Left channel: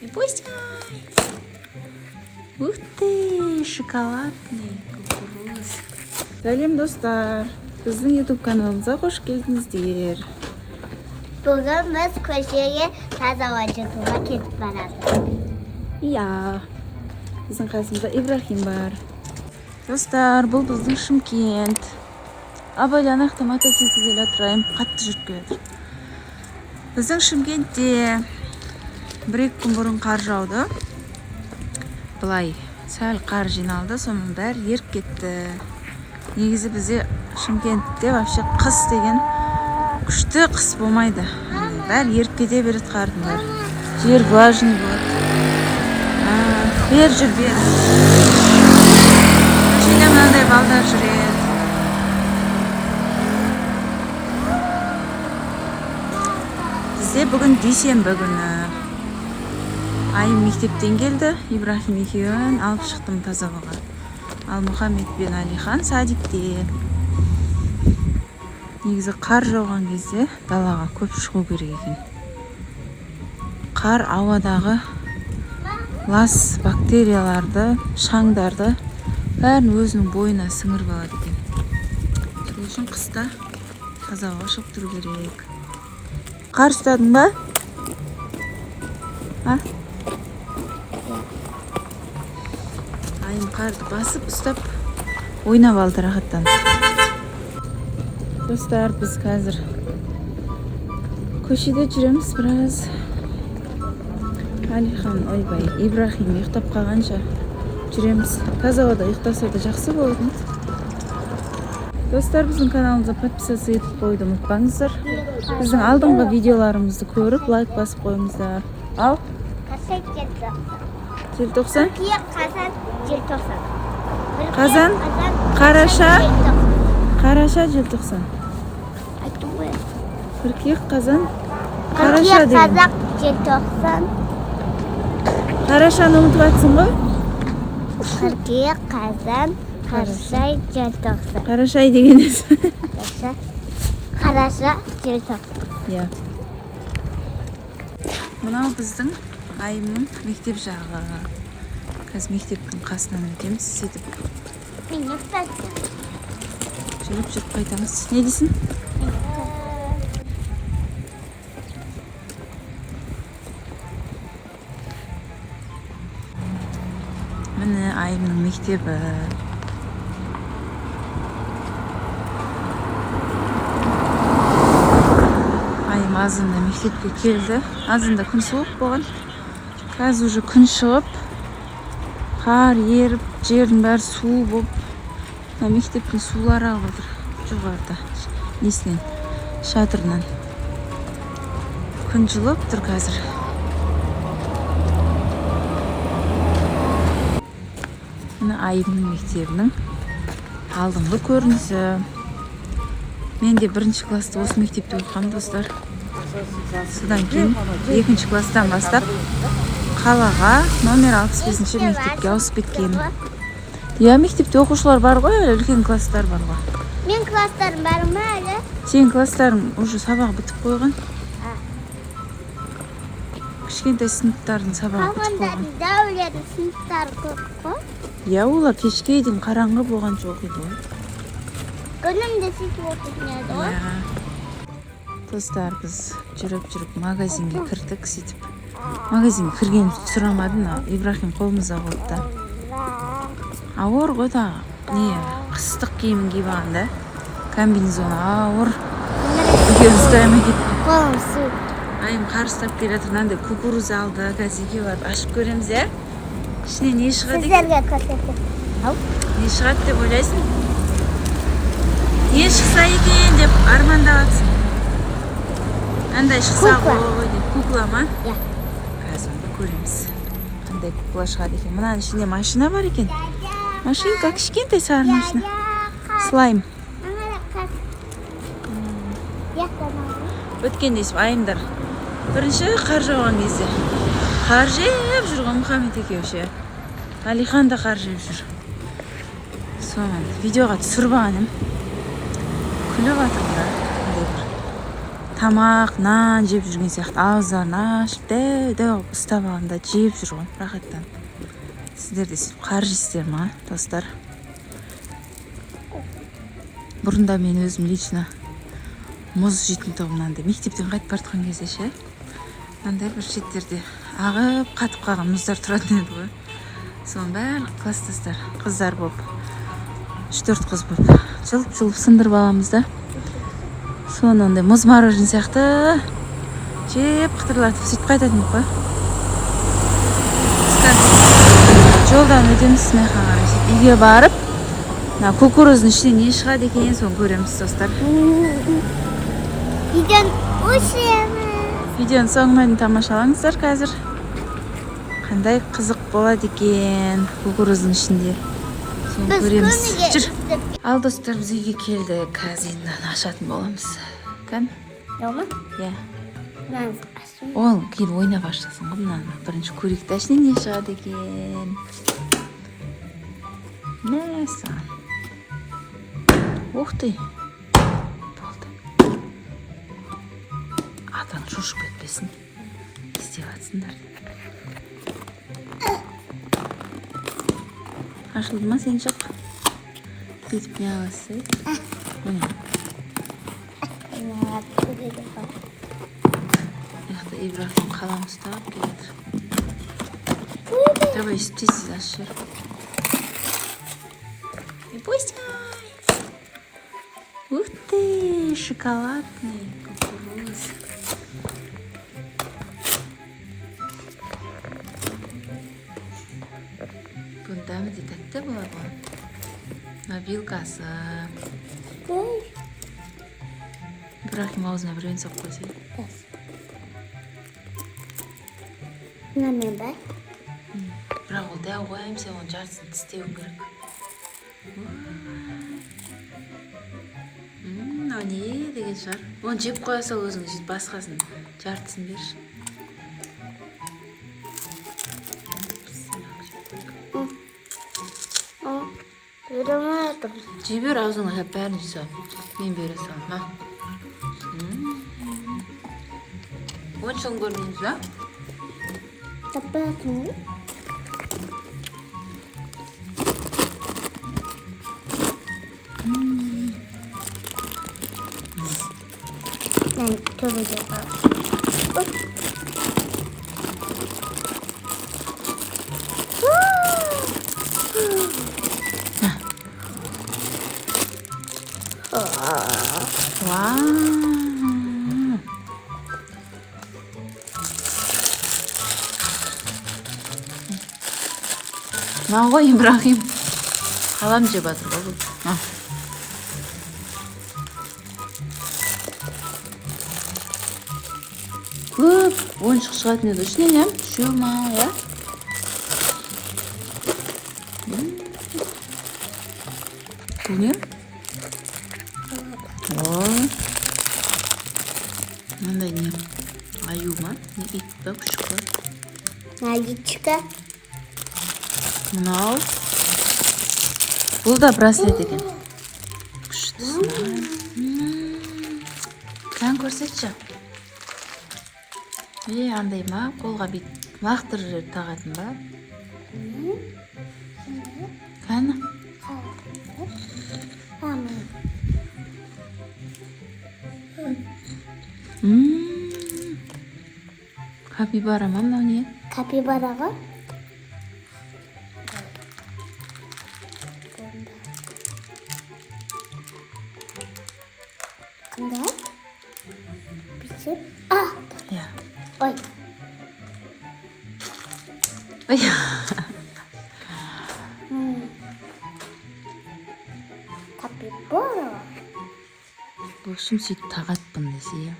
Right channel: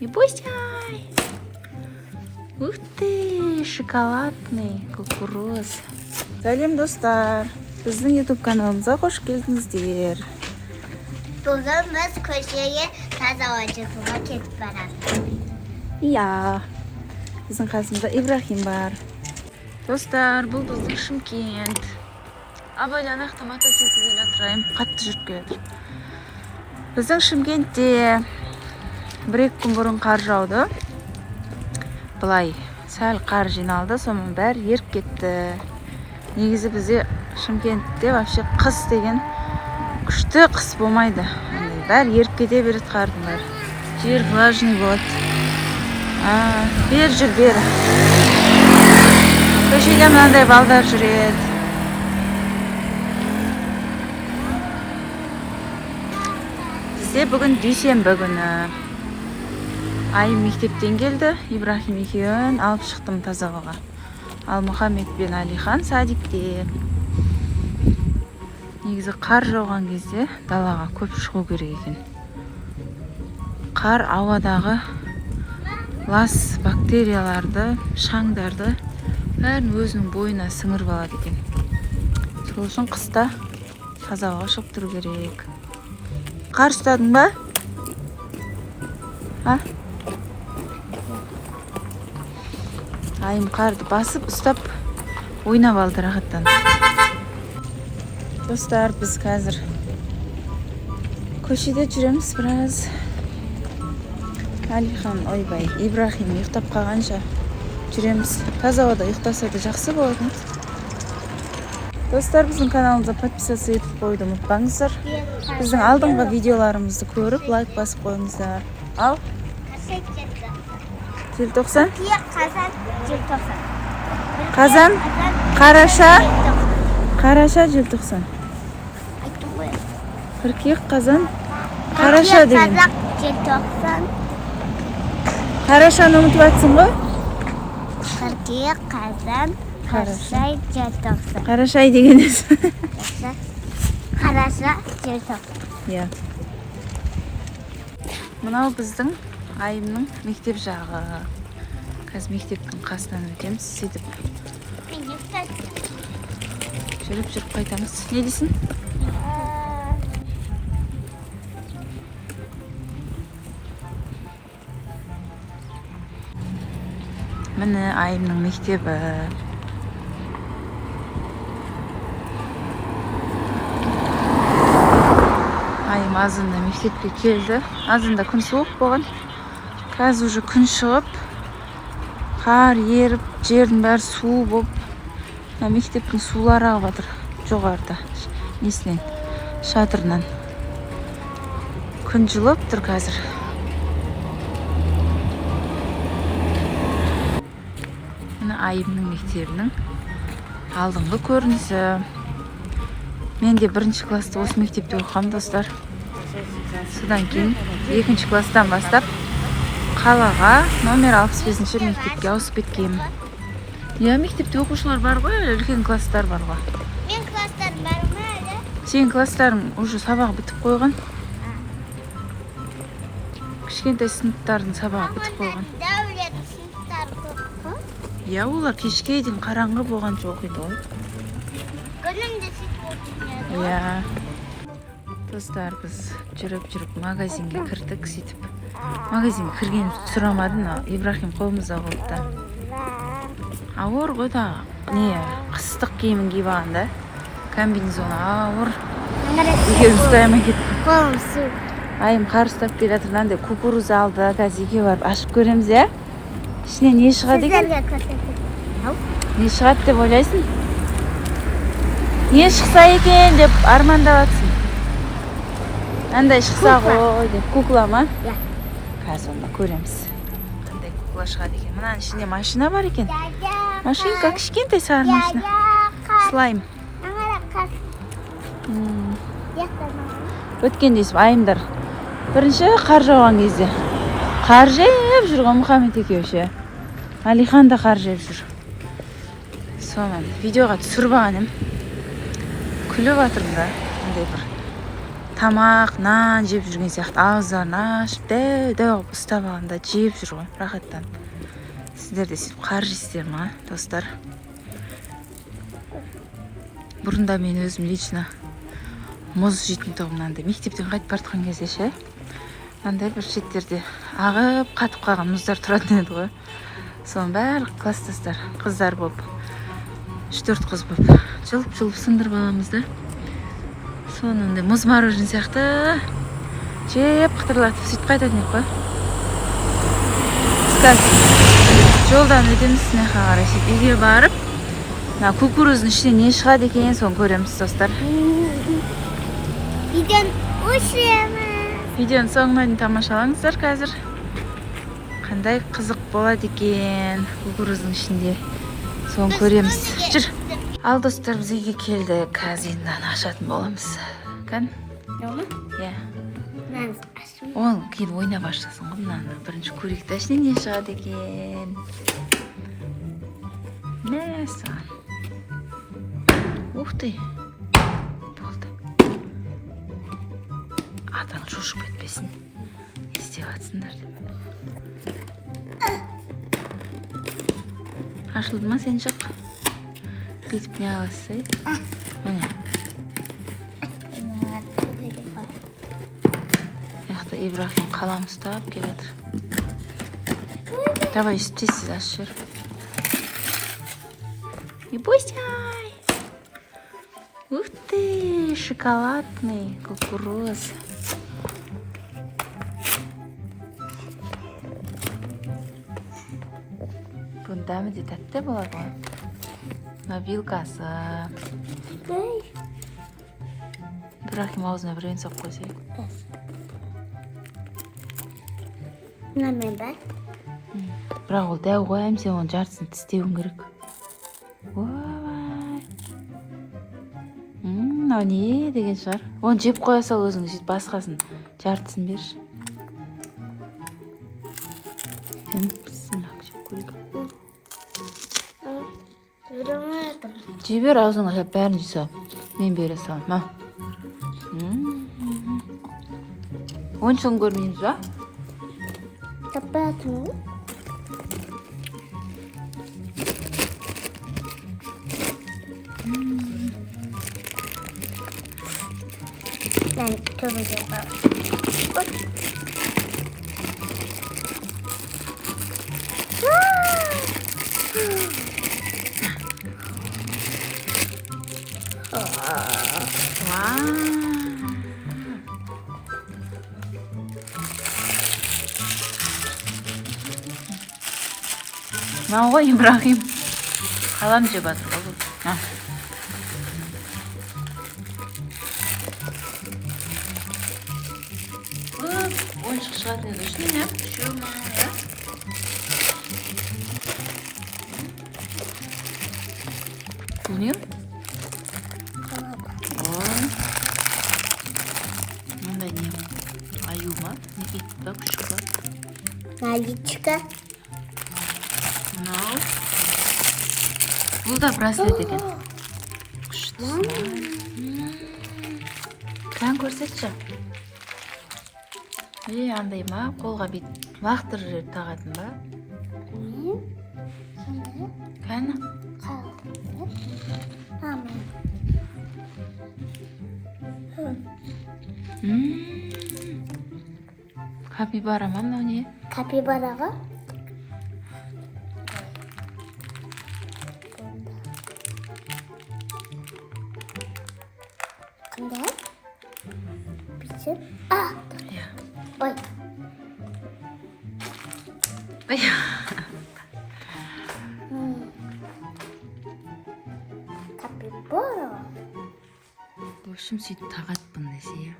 Не пусть. Ух ты, шоколадный кукуруз. Сәлем достар. Біздің YouTube каналымызға қош келдіңіздер. Бүгін біз көшеге таза ауа жұтуға кетіп барады. Иә. Біздің қасымызда Ибрахим бар. Достар, бұл біздің Шымкент. Абайлан ақтан мотоциклге келе отырайын. Қатты жүріп келеді. Біздің Шымкентте 1-2 күн бұрын қар жауды. Былай сәл қар жиналды, соның бәрі еріп кетті. Негізі бізде Шымкентте вообще қыс деген күшті қыс болмайды. Бәрі еріп кете береді қардың бәрі. Жер влажный болады. Бер жүр, бер. Көшеде мынандай балдар жүреді. Бізде бүгін дүйсенбі күні. Айым мектептен келді. Ибрахим екеуін алып шықтым тазалауға. Ал Мұхаммед пен Алихан садикте. Негізі қар жауған кезде далаға көп шығу керек екен. Қар ауадағы лас бактерияларды, шаңдарды бәрін өзінің бойына сіңіріп алады екен. Сол үшін қыста тазалауға шығып тұру керек. Қар ұстадың ба? Айым қарды басып, ұстап, ойнап алды рахаттан. Достар, біз қазір көшеде жүреміз біраз. Алихан, ойбай, Ибрахим ұйықтап қалғанша жүреміз. Таза ауада ұйықтаса да жақсы болады. Достар, біздің каналымызға подписаться етіп қойды ұмытпаңыздар. Біздің алдыңғы видеоларымызды көріп, лайк басып қойыңыздар. Ал? Желтоқсан? Қазан, желтоқсан. Қазан, қараша, қараша, желтоқсан. Айттым ғой. Қыркүйек, қазан, қараша деген. Қазақ, желтоқсан. Қарашаны ұмытып атсың ғой? Қыркүйек, қазан, қараша, желтоқсан. Қарашай деген есі. Қараша, желтоқсан. Иә. Мынау біздің Айымның мектеп жағы. Қазір мектептің қасынан өтеміз, сөйтіп. Жүріп қайтамыз. Не дейсің? Міне Айымның мектебі. Айым азында мектепке келді. Азында күн суық болған. Қазір уже күн шығып, қар еріп, жердің бәрі су болып, мектептің сулары ағып жатыр жоғарыда, несінен, шатырынан. Күн жылып тұр қазір. Мына Айымның мектебінің алдыңғы көрінісі. Мен де 1-ші класста осы мектепте оқығам, достар. Содан кейін 2-ші класстан бастап қалаға номер 65-ші мектепке ауысып кеткен. Иә, мектепте оқушылар бар ғой, үлкен класстар бар ғой. Мен класстарым бар ма әлі? Сен класстарың уже сабағы бітіп қойған. Кішкентай сыныптардың сабағы бітіп қойған. Дәулет сыныптары көп қой. Иә, олар кешке дейін қараңғы болғанша оқиды ғой. Күнім де сөйтіп оқиды. Иә. Достар, біз жүріп магазинге кірдік, сөйтіп. Магазинге кірген сұрамадым, Ибрахим қолымызда қойды. Ауыр ғой да, қыстық киімін киіп алған да. Комбинезон ауыр. Екеуін ұстаймай кеттім. Қолым су. Айым қар ұстап келе жатыр, мынандай кукуруз алды. Қазір екеуі барып ашып көреміз, иә? Ішінен не шығады екен? Сіздерге көрсетіп. Не шығады деп ойлайсың? Не шықса екен деп армандап жатсың? Андай шықса ғой деп. Кукла ма? Иә. Қазір онда көреміз. Қандай кукла шығады екен. Мұнаның ішінде машина бар екен. Машинка, кішкентай сары машина. Слайм. Өткендесіп Айымдар. Бірінші қар жауған кезде. Қар жайып жүрген Мұхаммед екеуші. Алихан да қар жайып жүр. Соны видеоға түсіріп алған ем. Күліп жатырмын да. Андай бір тамақ, нан жеп жүрген сияқты ауыздарын ашып дәу ұстап алғанда жеп жүр ғой рахаттан. Сіздер де сөйтіп қаржысыздар ма, достар? Бұрында мен өзім лично мұз жейтін тұғымнан мектептен қайтып бартқан кезде ше, мынандай бір шеттерде ағып қатып қалған мұздар тұратын еді ғой. Соның барлық класстастар қыздар болып, 3-4 қыз болып жылып сындырып аламыз да. Соны ондай мұз морожен сияқты жеп қытырлатып сөйтіп қайтатын еді ғой. Жолдан өтеміз смеха қарай сөйтіп үйге барып, кукуруздың ішінен не шығады екен, соны көреміз, достар. Видеоның соңына дейін тамашалаңыздар қазір. Қандай қызық болады екен кукуруздың ішінде. Соны көреміз. Жүр. Ал достар, біз үйге келді. Қазір енді ашатын боламыз. Кән? Дома? Иә. Ол кейін ойнап ашасың ғой мынаны. Бірінші көрейік та ішінен не шығады екен. Мә саған. Ух ты. Болды. Атаң шошып кетпесін. Істеп атсыңдар. Ашылды ма сен шық? Сөйтіп не аласыз? Яқты Ибрахим қалам ұстап келеді. Давай тез ашып жер. Не пустай! Ух ты, шоколадный кукуруз. Дәмі де тәтті болады ғой. Мына вилкасы. Ибрахим аузына біреуін соқ қойсы. Мынамен ба? Бірақ ол дәу ғой, сен оны жартысын тістеуің керек. Мынау не деген шығар? Оны жеп қоя сал өзің, басқасын жартысын берші. Жебер аузыңа жап бәрін жесал. Мен бере салам. Ма. Оншын көрмейміз ба? Жаппатың. Мен көбі жаппа. Мынау ғой Ибрахим. Қалам жеп жатыр ғой бұл. Көп ойыншық шығатын еді. Ішінен әм? Үшеу ма, я? Бұл не? Мынандай не? Аю ма? Не ит па, күшік па? Наличка. Мынау. Бұл да браслет екен. Күштісін. Кән көрсетші. Андай ма? Қолға бет лақтыр жер тағатын ба? Кәні? Капибара ма мынау не? Капибараға? Қандай? Бізіп? Ой. Капибара. Бұл үшін сөйтіп тағатпын десе, я.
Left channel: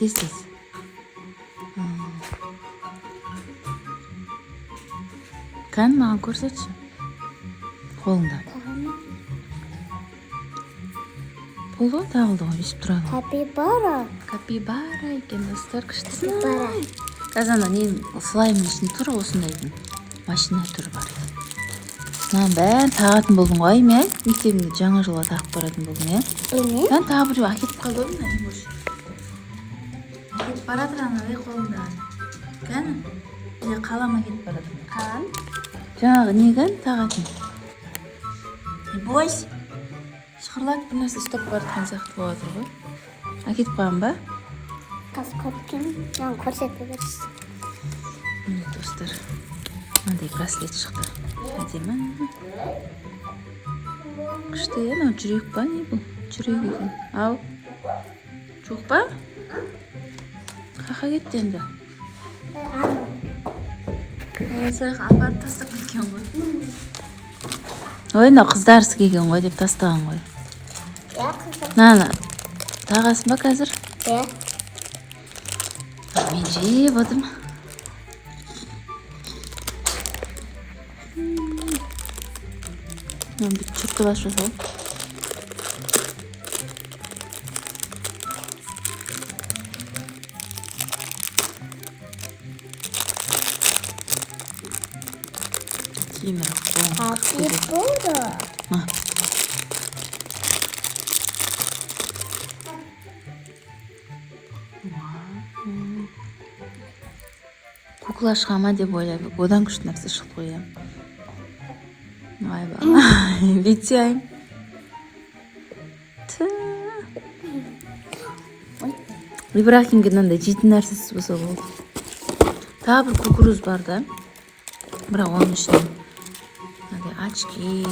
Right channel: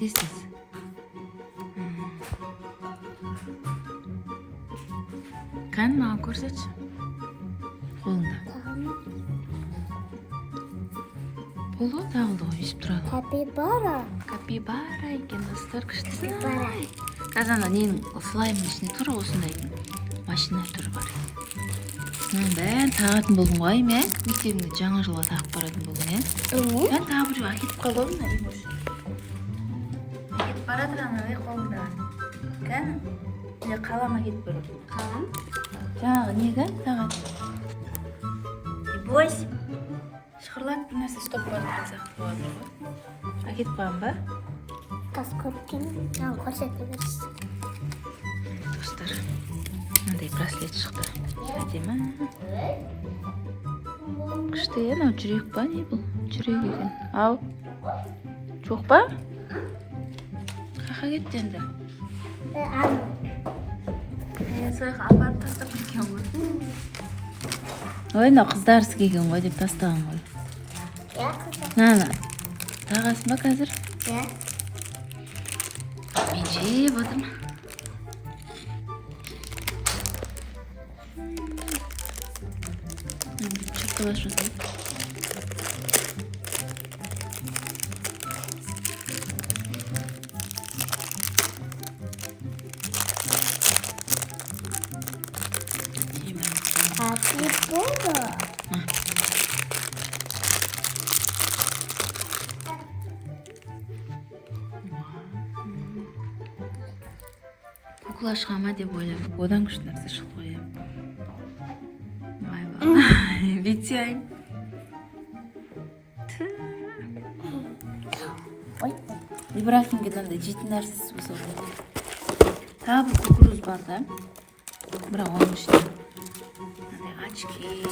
Тез. Кән маған көрсетші. Қолыңда. Болды тағылды ғой, есіп тұрады. Капибара. Капибара екен, достар, күштісін. Қазанда ненің слаймын ішінде тұр осындайдың. Машина түрі бар. Мынаны бәрін тағатын болдым ғой, мен мектебімде жаңа жылға тағып баратын болдым, я? Мен тағып жүріп әкетіп қалдым, баратыр анадай қолында. Кәні? Не қалама кетіп баратыр. Қалам. Жаңағы не кән сағатын? Бойс. Шықырлатып бір нәрсе ұстап баратқан сияқты болады ғой. Әкетіп қойған ба? Қазір көпкен, маған көрсетіп берсіз. Міне достар, мынандай браслет шықты. Әдемі. Күшті мынау жүрек па не бұл? Жүрек екен. Ау. Жоқ па? Қақа кетті енді. Сояққа апарып тастап кеткен ғой. Ой, мынау қыздарсы келген ғой деп тастаған ғой. Наны, тағасын ба қазір? Мен жеп отырмын. Мен бүйтіп чүрткі бас жасайым. Hati болды. Кукла шыға ма деп ойладық. Одан күшті нәрсе шықты ғой. Айба. Бүйтейін. Ибрахимге мынандай жейтін нәрсесі болса ғой. Тағы бір кукуруз бар да. Бірақ оның ішінде очки,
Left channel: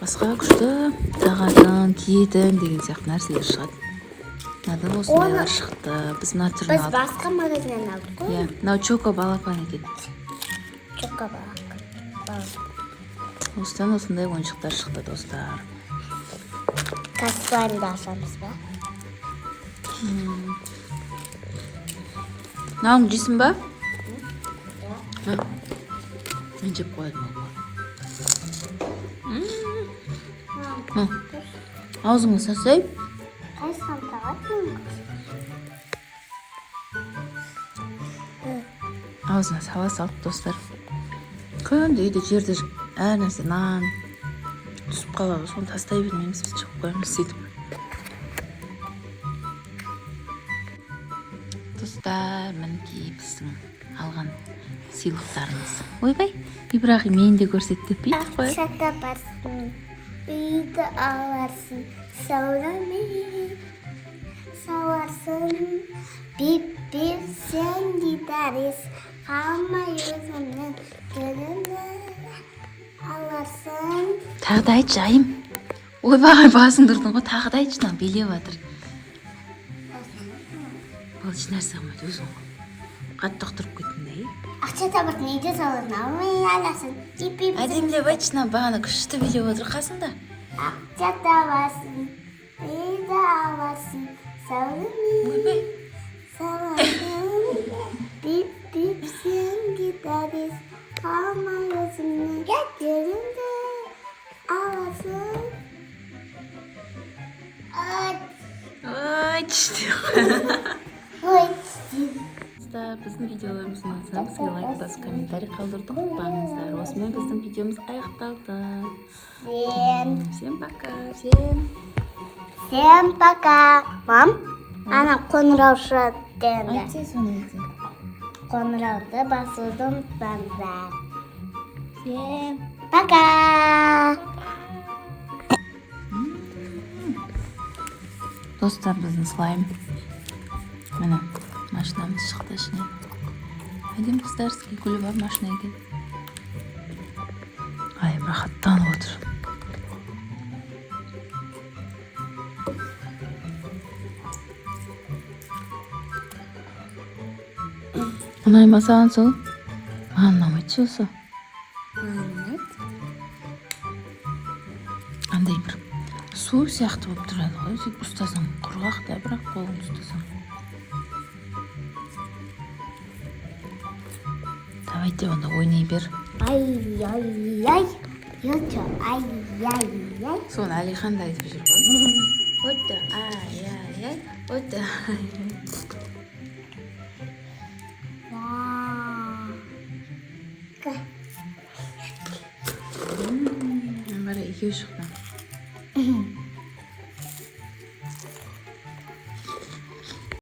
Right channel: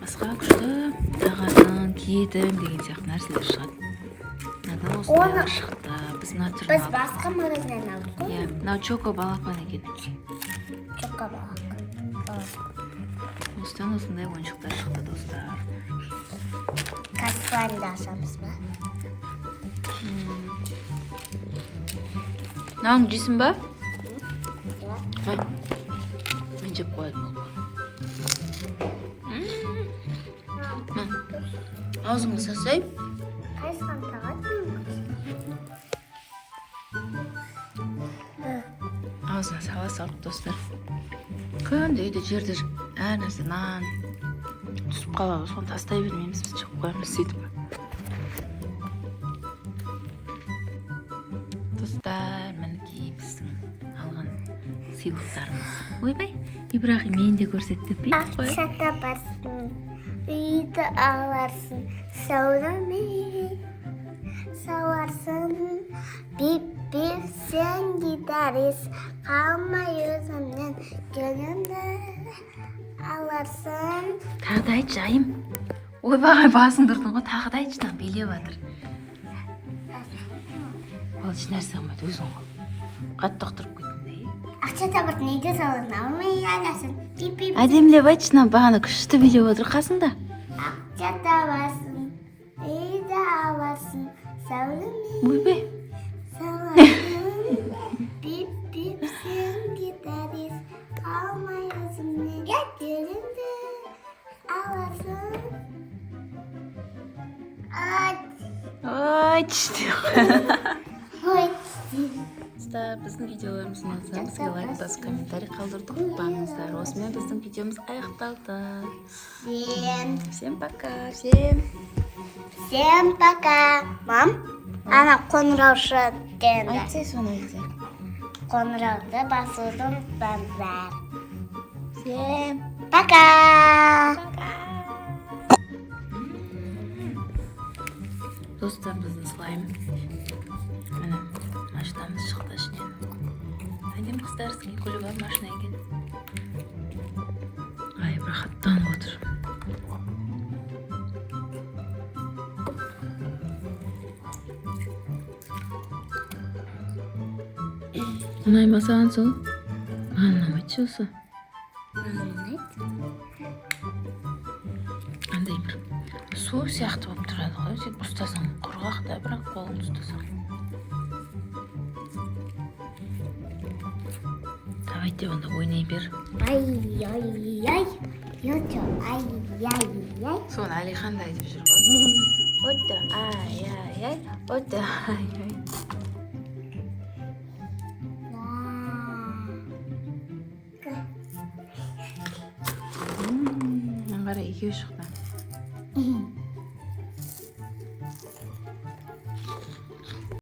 басқа күшті тағатын, киетін деген сияқты нәрселер шығады. Мынада осындайлар шықты. Біз мына түрін алдық. Біз басқа магазиннен алдық қой. Иә, мынау Чоко балапан екен. Чоко балапан. Осыдан осындай ойыншықтар шықты достар. Каспианды ашамыз ба? Мынауың жейсің ба? Иә. Мен жеп қойдым. Аузыңа сасай. Қайсыған тағатын? Аузына сала салып достар. Күнде үйде жерде әр нәрсе нан түсіп қалады. Соны тастай бермейміз, біз жеп қоямыз сөйтіп. Достар, мінекей біздің алған сыйлықтарымыз. Ойбай, Ибрахим мен де көрсетті. Бүйтіп қой. Ақша табарсың, үйді аларсың, сәулемен сауарсың. Біп-біп сен гитарист, қалмай өзімнен гүлімді аларсың. Тағы да айтшы, айым. Ойбай, басыңды ұрдың ғой, тағы да айтшы, билеп жатыр. Ол еш нәрсе қылмайды, өзің ғой. Қатты ұқтырып кеттіңдей. Ақша табарсың, үйді саласың, алмай аларсың. Біп-біп Әдемілеп айтшы, бағана күшті билеп отыр қасында. ақша табарсың, үйді аларсың, сәулемен Ойбай. Біп-біп сен гитарист, қалмай өзімнен гүлімді аларсың. Ой, түсті. Ой, Біздің видеоларымыз ұнаса, бізге лайк басып, комментарий қалдырды ұмытпаңыздар. Осымен біздің видеомыз аяқталды. Всем пока. Всем пока. Мам, ана қоңыраушы дегенді. Айтсай соны айтсай. Қоңырауды басуды ұмытпаңыздар. Всем Пока. достар, біздің слайм. Міне, машинамыз шықты ішінен. Әдем қыздар, сізге көлі бар машина екен. Ай, рахаттанып отыр. Ұнай саған сол? Маған ұнамайды осы. Андай бір су сияқты болып тұрады ғой. Сөйтіп ұстасаң құрғақ та, бірақ қолыңды ұстасаң. Давайте онда ойнай бер. Ай-яй-яй. Йочо, ай-яй-яй. Соны Алихан да айтып жүр ғой. Отто, ай-яй-яй. Отто, ай-яй. Қара екеу шықты.